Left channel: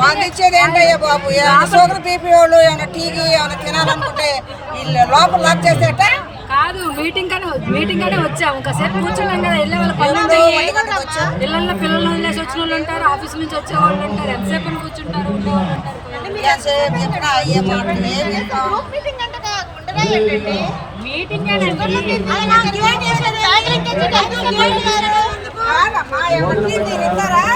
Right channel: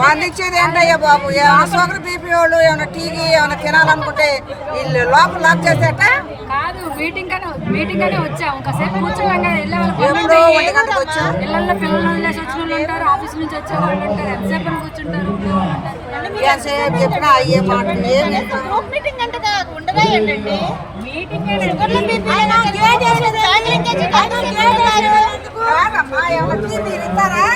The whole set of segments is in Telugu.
బాధించేది ఏంటయ్యా బాబు ఏమైనా షుగర్ బీపీ వాళ్ళు ఏమైనా టీవీ ఏమైనా తినాలనుకుంటే వీళ్ళు లోపల లాక్ చేసేట కాదు మీటింగ్ కానీ మీటింగ్ కానీ ఇంకా సేపు కూర్చున్నాం కదా వెళ్ళే వాళ్ళ పని పిల్లల పిల్లలు వచ్చిన వాళ్ళు ఉంటారు ఆఫీస్ నుంచి వచ్చే వాళ్ళు ఉంటారు ఎంతసేపు కూర్చుంటారు మీటింగ్ అని ఎంత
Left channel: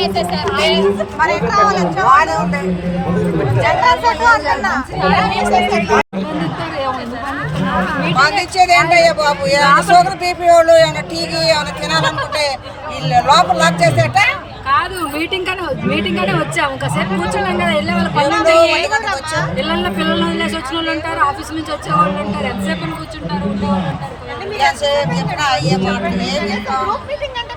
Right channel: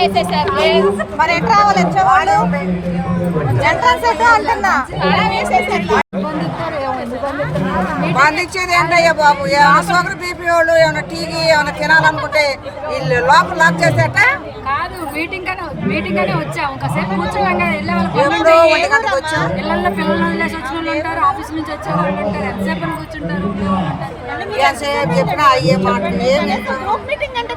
బాధించేది ఏంటయ్యా బాబు ఏమైనా షుగర్ బీపీ వాళ్ళు ఏమైనా టీవీ ఏమైనా తినాలనుకుంటే వీళ్ళు లోపల లాక్ చేసేట కాదు మీటింగ్ కానీ మీటింగ్ కానీ వచ్చా ఒకసారి కూర్చున్నాం కదా వెళ్ళే వాళ్ళ పిల్లల పిల్లలు వచ్చిన వాళ్ళు ఉంటారు ఆఫీస్ నుంచి వచ్చే వాళ్ళు ఉంటారు ఎంతసేపు కూర్చుంటారు ఉండేవాళ్ళు ఉంటారు అయ్యే మాటలు ఏమి మీటింగ్ అంటే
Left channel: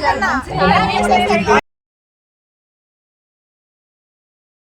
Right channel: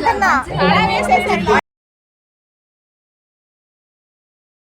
真的呢，啥也没说。谢谢